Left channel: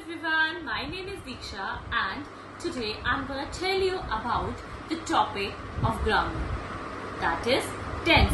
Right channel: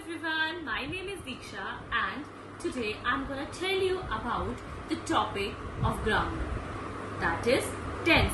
everyone, my name is Diksha and today I'm going to tell you about the topic of grammar, that is tense.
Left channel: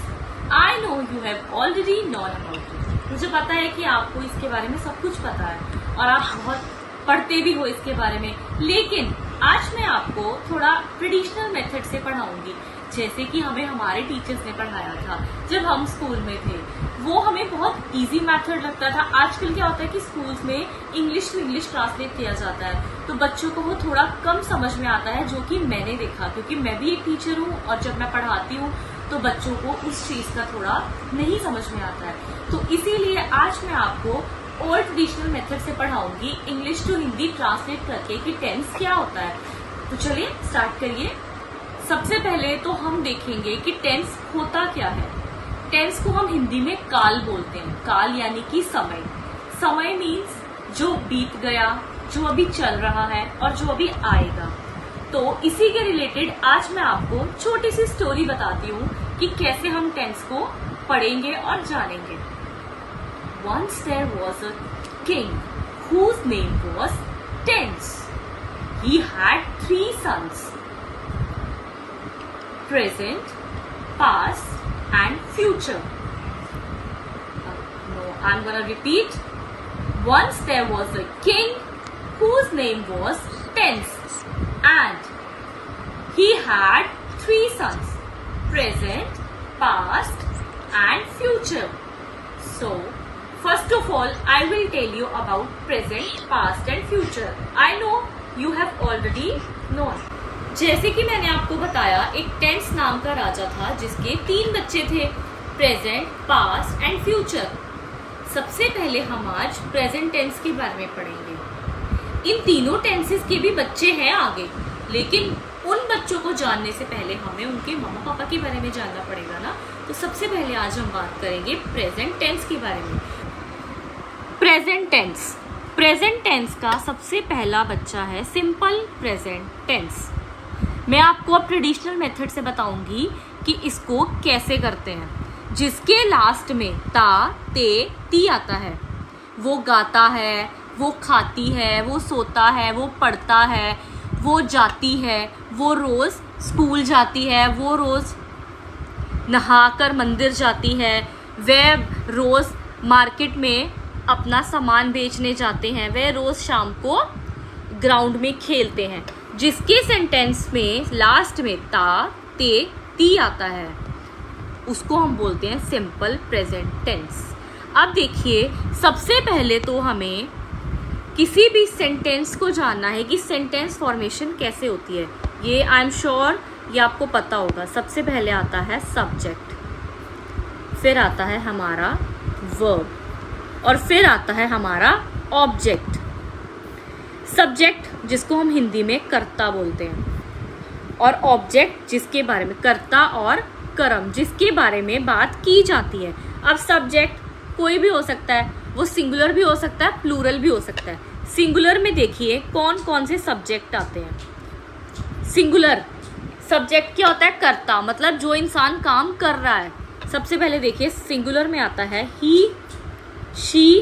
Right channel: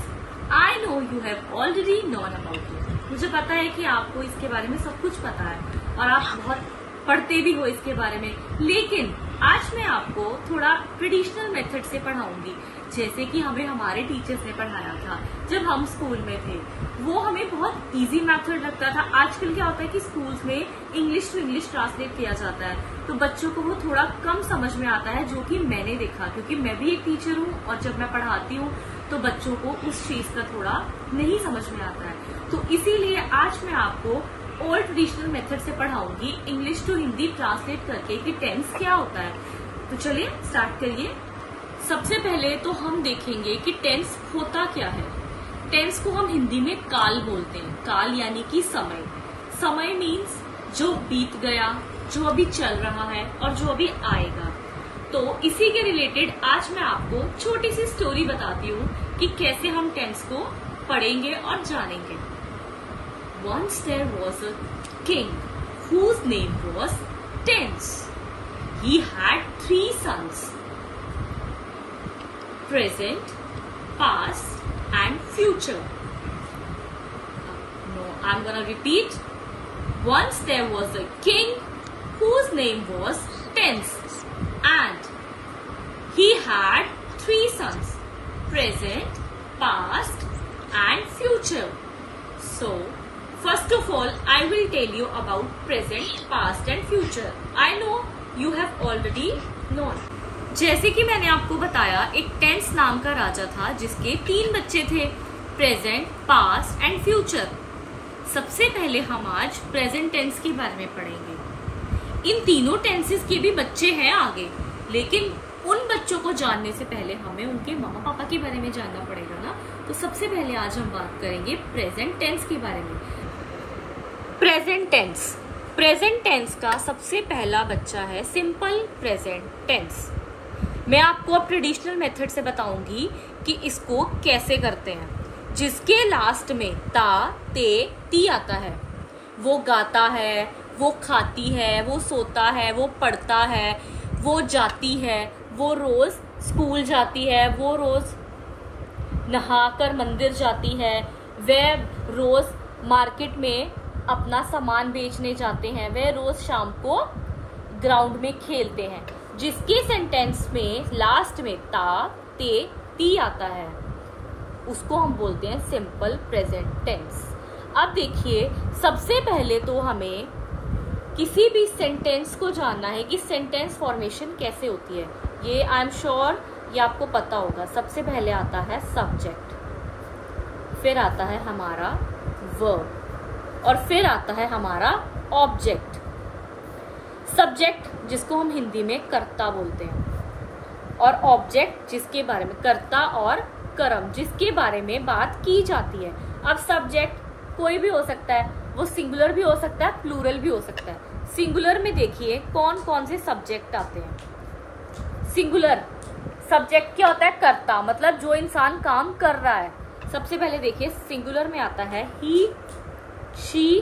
I know you have already known about it. मुझे पता है कि आपको इसके बारे में सब कुछ पता है और आप बहुत पढ़ते भी हो इसके बारे में, लेकिन आज मैं आपको थोड़ा ट्रेडिशनल मेथड से पढ़ाऊंगी, जैसे कि हमें हमारे टीचर्स ने पढ़ाया था जब हम स्कूल में थे। वो हमें बहुत इजी मेथड लगता था। आजकल क्या होता है कि स्कूल्स में इंग्लिश टू इंग्लिश ट्रांसलेट किया जाता है, तो बच्चों को वो थोड़ा कम समझ में आता है, जो कि मैंने देखा, क्योंकि मैं भी एक टीचर हूँ और जब मैं पढ़ाती हूँ तो बच्चों को उस चीज का थोड़ा नहीं समझ में आता है। तो इसीलिए आज मैं आपको ओल्ड ट्रेडिशनल मेथड से पढ़ाऊंगी, इंग्लिश टू हिंदी ट्रांसलेट करके कि टेंस क्या होता है। तो चलिए स्टार्ट करिए। सबसे पहले तो हम देखेंगे कि टेंस होता क्या है। टेंस को हम हिंदी में काल बोलते हैं। काल यानी कि समय। समय मीन्स जो बीत गया, जो अभी चल रहा है और जो अभी आएगा। तो इसी के रिलेटेड आज मैं आपको छोटी सी स्टोरी बताती हूँ कि कैसे हम टेंस को पढ़ेंगे और जानेंगे। Once there was a king whose name was Tense. He had 3 sons, present, past, and future. No, I'm gonna repeat. Once there was a king whose name was Tense, and he had 3 sons, present, past, and future. So, first of all, I will tell you about present, past and future. I know you have already known. जैसे कि मैंने आपको बताया, एक tense नाम का राजा था जिसके 3 बच्चे थे, प्रेजेंट, पास्ट एंड फ्यूचर। सबसे पहले हम आज प्रेजेंट टेंस के बारे में पढ़ेंगे। इन तीनों टेंसेस के भी बच्चे हैं आगे, लेकिन उन बच्चों को जानने से पहले हमें उनके मम्मा पापा के बारे में जानना पड़ेगा ना। तो सबसे पहले आज हम बात करेंगे प्रेजेंट टेंस के बारे में। Present tense. प्रेजेंट टेंस का सबसे पहला बच्चा है सिंपल प्रेजेंट टेंस। मैं आपको अब ट्रेडिशनल मेथड से बताऊंगी कि इसको कैसे करते हैं। जिसके लास्ट में ता, ते, ती आता है, वो गाता है, वो खाती है, वो सोता है, वो पढ़ता है, वो जाती है, वो रोज स्कूल जाती है, वो रोज नहाकर मंदिर जाती है, वे रोज मार्केट में अपना सामान बेचने जाते हैं, वे रोज शाम को ग्राउंड में खेलते हैं। जिसके सेंटेंस में लास्ट में ता, ते, ती आता है उसको हम बोलते हैं सिंपल प्रेजेंट टेंस। अब देखिए, सबसे पहले तो हमें किसी भी सेंटेंस को जानना है कि सेंटेंस फॉर्मेशन कैसे होती है। ये आई एम श्योर ये आपको पता होगा। सबसे पहले आता है सब्जेक्ट, फिर आता है हमारा वर्ब और फिर आता है हमारा ऑब्जेक्ट। सब्जेक्ट जिसको हम हिंदी में कर्ता बोलते हैं, और ऑब्जेक्ट जिसके बारे में, कर्ता और कर्म जिसके बारे में बात की जाती है। अब सब्जेक्ट कोई भी हो सकता है, वो सिंगुलर भी हो सकता है, प्लूरल भी हो सकता है। सिंगुलर में देखिए कौन कौन से सब्जेक्ट आते हैं। सिंगुलर सब्जेक्ट क्या होता है? कर्ता, मतलब जो इंसान काम कर रहा है। सबसे पहले देखिए सिंगुलर में आता है ही, शी,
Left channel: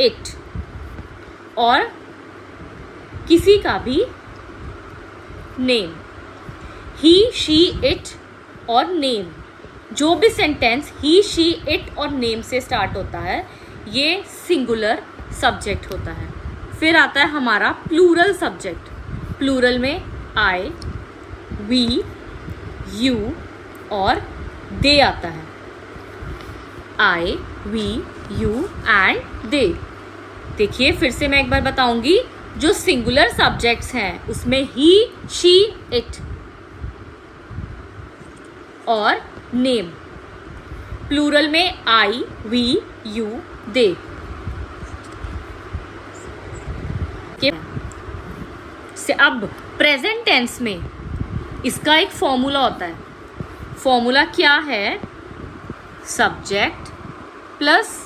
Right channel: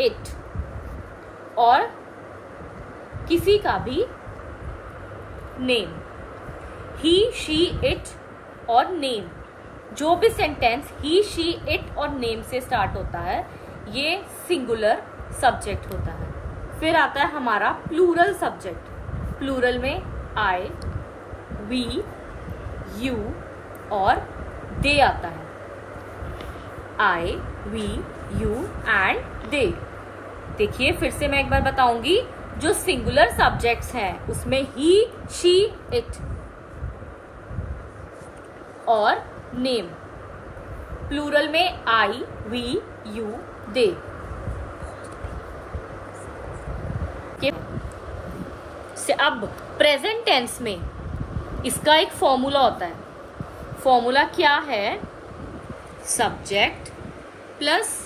इट, और किसी का भी नेम। ही, शी, इट और नेम। जो भी सेंटेंस ही, शी, इट और नेम से स्टार्ट होता है ये सिंगुलर सब्जेक्ट होता है। फिर आता है हमारा प्लूरल सब्जेक्ट। प्लूरल में आई, वी, यू और दे आता है। आई, वी, यू एंड दे। देखिए फिर से मैं एक बार बताऊंगी, जो सिंगुलर सब्जेक्ट्स हैं उसमें ही, शी, इट और नेम। प्लूरल में आई, वी, यू, दे। से अब प्रेजेंट टेंस में इसका एक फॉर्मूला होता है। फॉर्मूला क्या है? सब्जेक्ट प्लस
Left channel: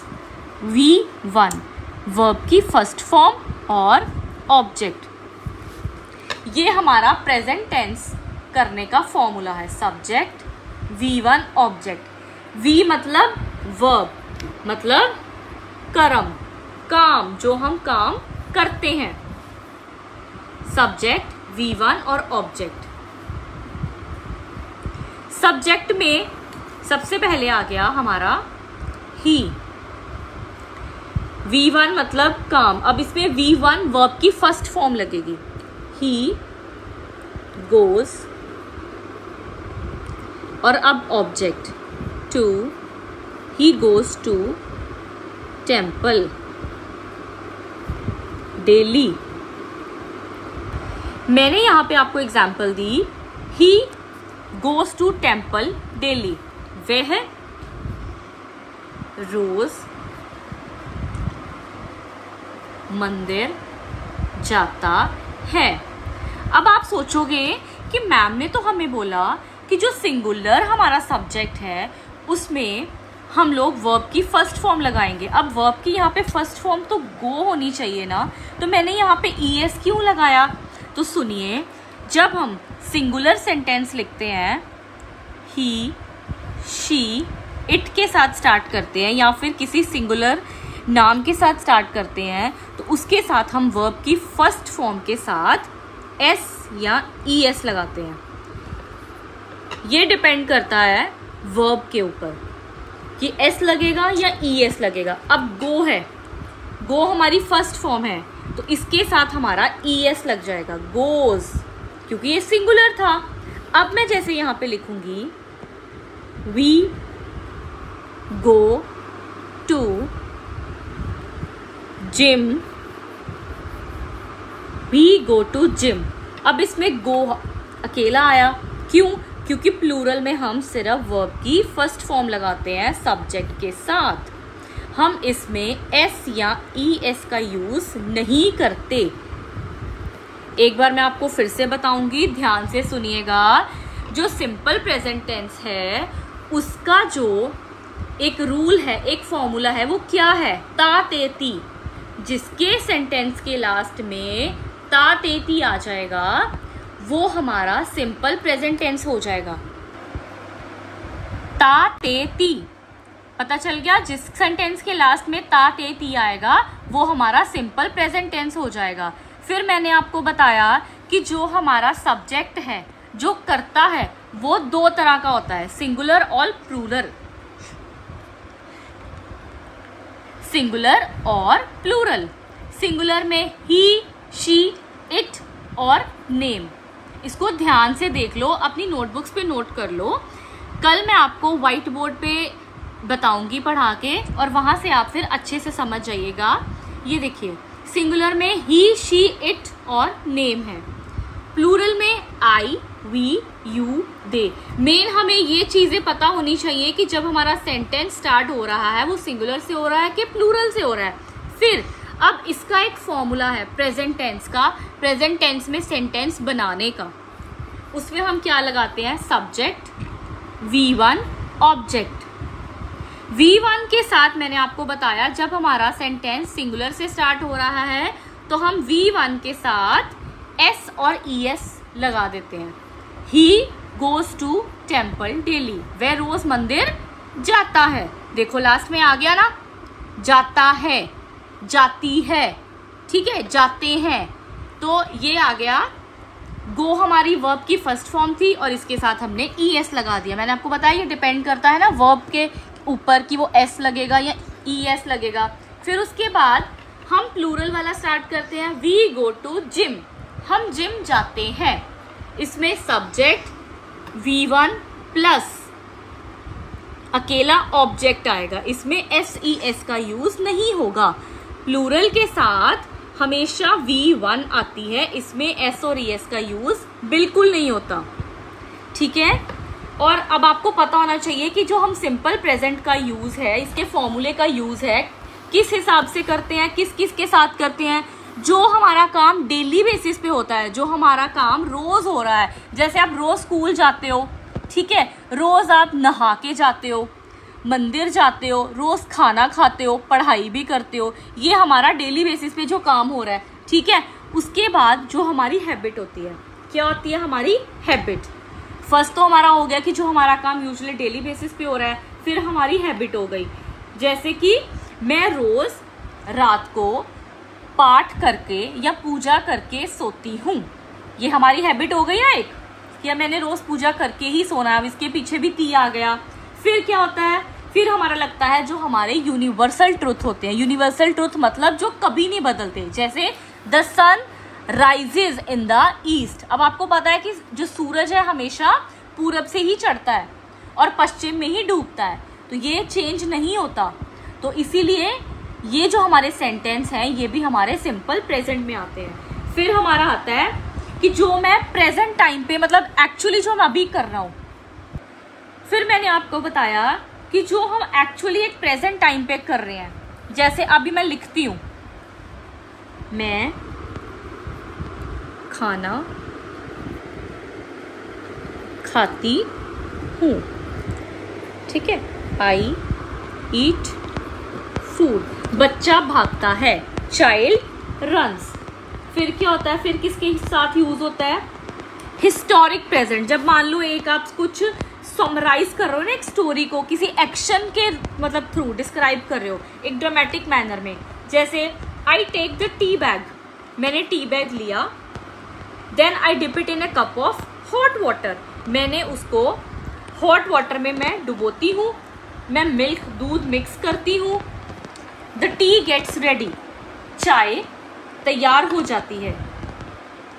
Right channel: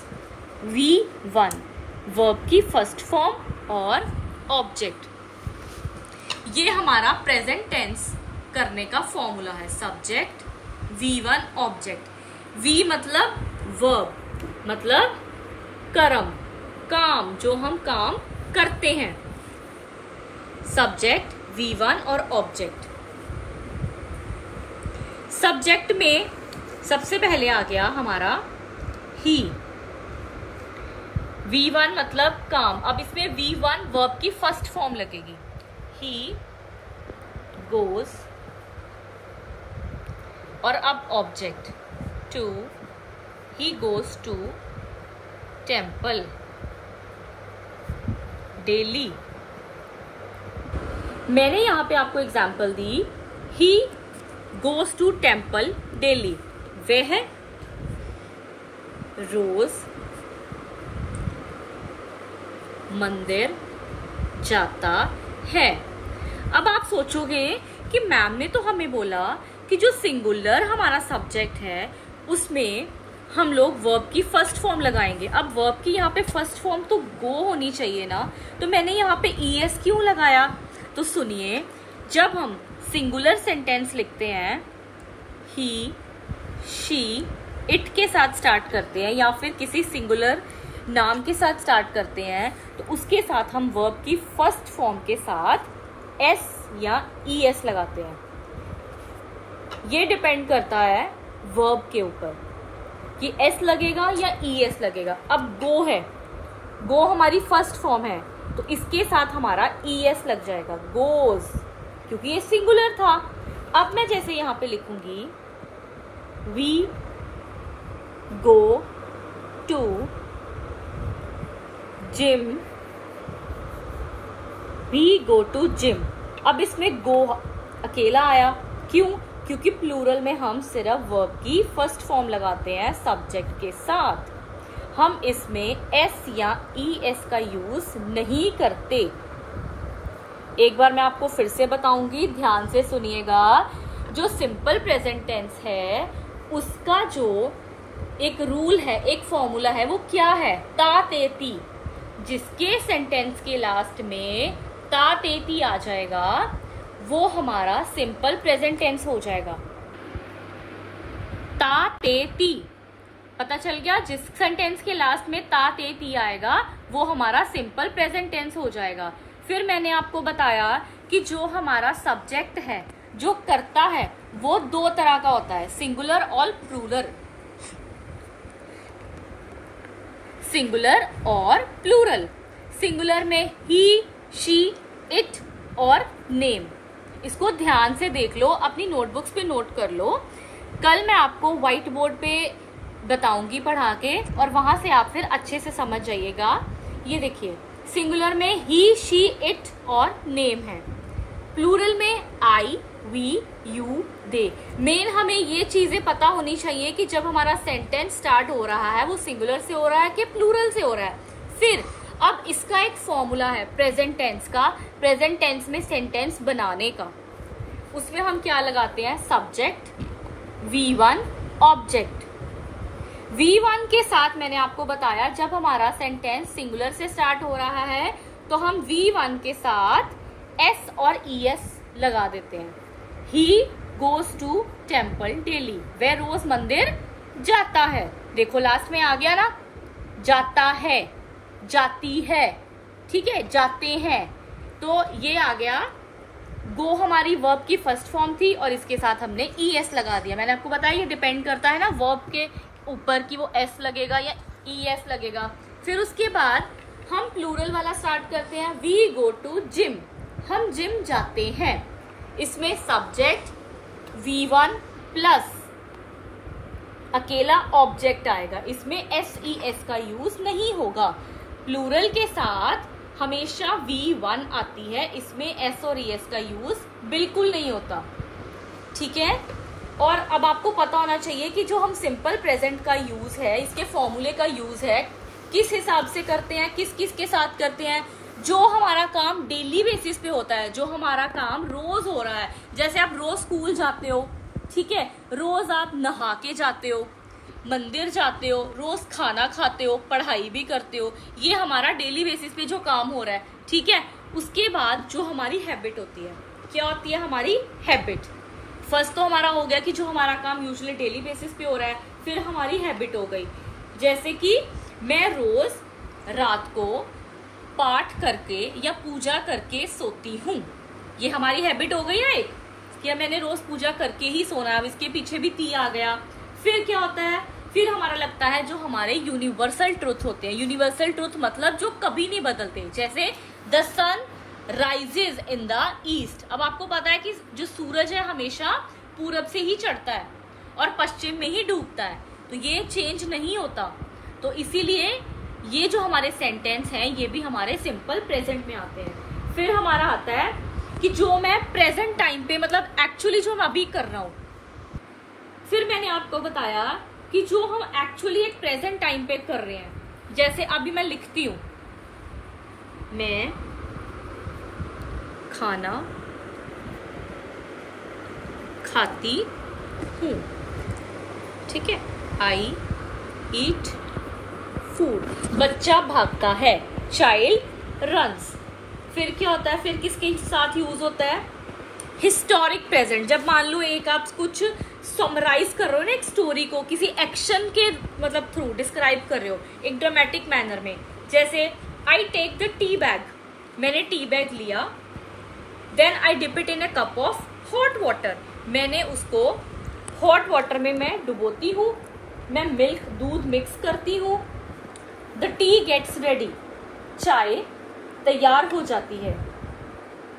V1, वर्ब की फर्स्ट फॉर्म, और ऑब्जेक्ट। ये हमारा प्रेजेंट टेंस करने का फॉर्मूला है। Subject, V1, object. V मतलब वर्ब, मतलब कर्म, काम, जो हम काम करते हैं। सब्जेक्ट V1 और ऑब्जेक्ट। सब्जेक्ट में सबसे पहले आ गया हमारा ही। V1 मतलब काम। अब इसमें V1 वर्ब की फर्स्ट फॉर्म लगेगी। ही गोज, और अब object to, he goes to temple daily. मैंने यहां पे आपको एग्जाम्पल दी, he goes to temple daily. वह रोज मंदिर जाता है। अब आप सोचोगे कि मैम ने तो हमें बोला कि जो सिंगुलर हमारा सब्जेक्ट है उसमें हम लोग वर्ब की फर्स्ट फॉर्म लगाएंगे। अब वर्ब की यहाँ पे फर्स्ट फॉर्म तो गो होनी चाहिए ना, तो मैंने यहाँ पे ES क्यों लगाया? तो सुनिए, जब हम सिंगुलर सेंटेंस लिखते हैं, ही, शी, इट के साथ स्टार्ट करते हैं या फिर किसी सिंगुलर नाम के साथ स्टार्ट करते हैं, तो उसके साथ हम वर्ब की फर्स्ट फॉर्म के साथ S या ES लगाते हैं। ये डिपेंड करता है वर्ब के ऊपर कि S लगेगा या ES लगेगा। अब गो है, गो हमारी फर्स्ट फॉर्म है, तो इसके साथ हमारा ES लग जाएगा, गोज, क्योंकि ये सिंगुलर था। अब मैं जैसे यहां पे लिखूंगी, we go to gym, we go to gym. अब इसमें गो अकेला आया, क्यों? क्योंकि प्लूरल में हम सिर्फ वर्ब की फर्स्ट फॉर्म लगाते हैं सब्जेक्ट के साथ। हम इसमें S या ES का यूज नहीं करते। एक बार मैं आपको फिर से बताऊंगी, ध्यान से सुनिएगा। जो सिंपल प्रेजेंट टेंस है उसका जो एक रूल है, एक फॉर्मूला है, वो क्या है? ता ते ती। जिसके सेंटेंस के लास्ट में ता ते ती आ जाएगा वो हमारा सिंपल प्रेजेंट टेंस हो जाएगा। ता ते ती, पता चल गया? जिस सेंटेंस के लास्ट में ता ते ती आएगा वो हमारा सिंपल प्रेजेंट टेंस हो जाएगा। फिर मैंने आपको बताया कि जो हमारा सब्जेक्ट है, जो करता है, वो दो तरह का होता है, सिंगुलर और प्लूरल। सिंगुलर और प्लूरल। सिंगुलर में ही, शी, इट और नेम। इसको ध्यान से देख लो, अपनी नोटबुक्स पे नोट कर लो। कल मैं आपको व्हाइट बोर्ड पे बताऊंगी पढ़ा के, और वहां से आप फिर अच्छे से समझ जाइएगा। ये देखिए, सिंगुलर में ही, शी, इट और नेम है। प्लूरल में आई, वी, यू, दे। मेन हमें ये चीजें पता होनी चाहिए कि जब हमारा सेंटेंस स्टार्ट हो रहा है वो सिंगुलर से हो रहा है कि प्लूरल से हो रहा है। फिर अब इसका एक फॉर्मूला है प्रेजेंट टेंस का, प्रेजेंट टेंस में सेंटेंस बनाने का। उसमें हम क्या लगाते हैं? Subject, V1, object. V1 के साथ मैंने आपको बताया जब हमारा सेंटेंस सिंगुलर से स्टार्ट हो रहा है तो हम V1 के साथ S और ES लगा देते हैं। He goes to temple daily, वह रोज मंदिर जाता है। देखो लास्ट में आ गया ना, जाता है, जाती है, ठीक है, जाते हैं। तो ये आ गया, गो हमारी वर्ब की फर्स्ट फॉर्म थी और इसके साथ हमने ES लगा दिया। मैंने आपको बताया ये डिपेंड करता है ना वर्ब के ऊपर कि वो S लगेगा या ES लगेगा। फिर उसके बाद हम प्लूरल वाला स्टार्ट करते हैं, वी गो टू जिम, हम जिम जाते हैं। इसमें सब्जेक्ट V1 प्लस अकेला ऑब्जेक्ट आएगा, इसमें SES का यूज नहीं होगा। प्लूरल के साथ हमेशा V1 आती है, इसमें S और ES का यूज बिल्कुल नहीं होता, ठीक है। और अब आपको पता होना चाहिए कि जो हम सिंपल प्रेजेंट का यूज है, इसके फॉर्मूले का यूज है, किस हिसाब से करते हैं, किस किस के साथ करते हैं। जो हमारा काम डेली बेसिस पे होता है, जो हमारा काम रोज हो रहा है, जैसे आप रोज स्कूल जाते हो, ठीक है, रोज आप नहा के जाते हो, मंदिर जाते हो, रोज खाना खाते हो, पढ़ाई भी करते हो, ये हमारा डेली बेसिस पे जो काम हो रहा है, ठीक है। उसके बाद जो हमारी हैबिट होती है, क्या होती है हमारी हैबिट? फर्स्ट तो हमारा हो गया कि जो हमारा काम यूजुअली डेली बेसिस पे हो रहा है, फिर हमारी हैबिट हो गई, जैसे कि मैं रोज रात को पाठ करके या पूजा करके सोती हूँ। ये हमारी हैबिट हो गई है एक, कि मैंने रोज पूजा करके ही सोना है। अब इसके पीछे भी ती आ गया। फिर क्या होता है, फिर हमारा लगता है जो हमारे यूनिवर्सल ट्रुथ होते हैं। यूनिवर्सल ट्रुथ मतलब जो कभी नहीं बदलते, जैसे the sun rises in the east. अब आपको पता है कि जो सूरज है हमेशा पूरब से ही चढ़ता है और पश्चिम में ही डूबता है, तो ये चेंज नहीं होता। तो इसीलिए ये जो हमारे सेंटेंस हैं ये भी हमारे सिंपल प्रेजेंट में आते हैं। फिर हमारा आता है कि जो मैं प्रेजेंट टाइम पे, मतलब एक्चुअली जो मैं अभी कर रहा हूं। फिर मैंने आपको बताया कि जो हम एक्चुअली एक प्रेजेंट टाइम पे कर रहे हैं, जैसे अभी मैं लिखती हूं, मैं खाना खाती हूं, ठीक है, आई ईट फूड। बच्चा भागता है, चाइल्ड रन्स। फिर क्या होता है, फिर किसके साथ यूज होता है, हिस्टोरिक प्रेजेंट। जब मान लो एक आप कुछ समराइज कर रहे हो ना, एक स्टोरी को किसी एक्शन के मतलब थ्रू डिस्क्राइब कर रहे हो एक ड्रामेटिक मैनर में, जैसे I take the tea bag, मैंने टी बैग लिया, then I dip it in a cup of hot water, मैंने उसको हॉट वाटर में मैं डुबोती हूँ, मैं मिल्क दूध मिक्स करती हूँ, द टी गेट्स रेडी, चाय तैयार हो जाती है,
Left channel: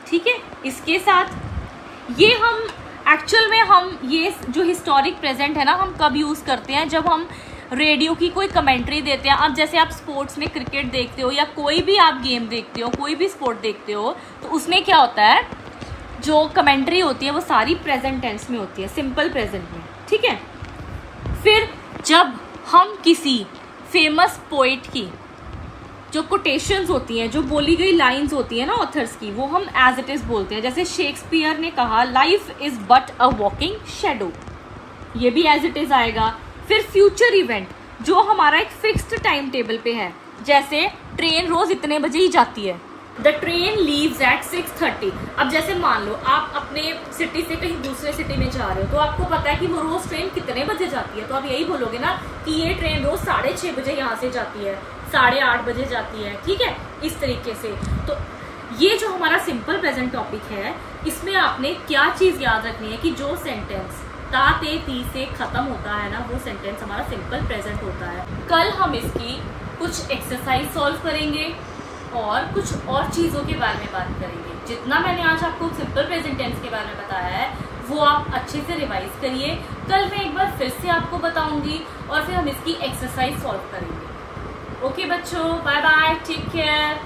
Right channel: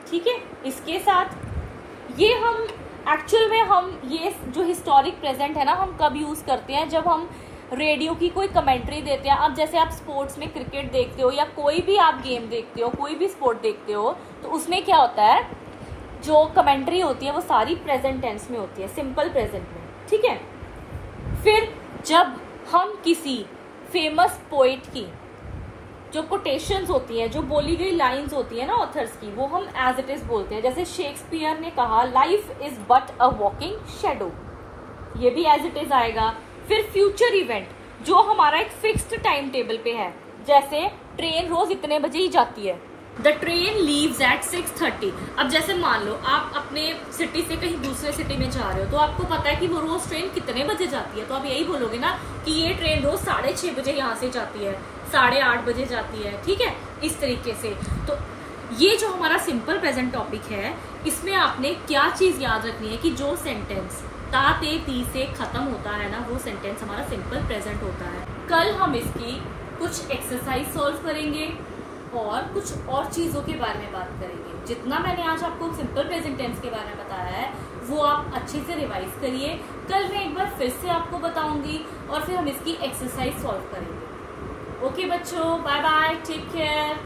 ठीक है। इसके साथ ये हम एक्चुअल में हम ये जो हिस्टोरिक प्रेजेंट है ना, हम कब यूज करते हैं, जब हम रेडियो की कोई कमेंट्री देते हैं। अब जैसे आप स्पोर्ट्स में क्रिकेट देखते हो या कोई भी आप गेम देखते हो, कोई भी स्पोर्ट देखते हो, तो उसमें क्या होता है, जो कमेंट्री होती है वो सारी प्रेजेंट टेंस में होती है, सिंपल प्रेजेंट में, ठीक है। फिर जब हम किसी फेमस पोइट की जो कोटेशंस होती हैं, जो बोली गई लाइंस होती है ना ऑथर्स की, वो हम एज इट इज बोलते हैं। जैसे शेक्सपियर ने कहा, life is but a walking shadow, ये भी एज इट इज आएगा। फिर फ्यूचर इवेंट जो हमारा एक फिक्स्ड टाइम टेबल पे है, जैसे ट्रेन रोज इतने बजे ही जाती है, द ट्रेन लीव्स एट 6:30। अब जैसे मान लो आप अपने सिटी से कहीं दूसरे सिटी में जा रहे हो, तो आपको पता है कि वो रोज ट्रेन कितने बजे जाती है, तो आप यही बोलोगे ना कि ये ट्रेन रोज 6:30 बजे यहाँ से जाती है, 8:30 बजे जाती है, ठीक है, इस तरीके से। तो ये जो हमारा सिंपल प्रेजेंट टॉपिक है, इसमें आपने क्या चीज याद रखनी है कि जो सेंटेंस ता ते ती से खत्म होता है ना, वो सेंटेंस हमारा सिंपल प्रेजेंट होता है। कल हम इसकी कुछ एक्सरसाइज सॉल्व करेंगे और कुछ और चीजों के बारे में बात करेंगे। जितना मैंने आज आपको सिंपल प्रेजेंट टेंस के बारे में बताया है वो आप अच्छे से रिवाइज करिए। कल मैं एक बार फिर से आपको बताऊंगी और फिर हम इसकी एक्सरसाइज सॉल्व करेंगे। ओके बच्चों, बाय बाय, टेक केयर।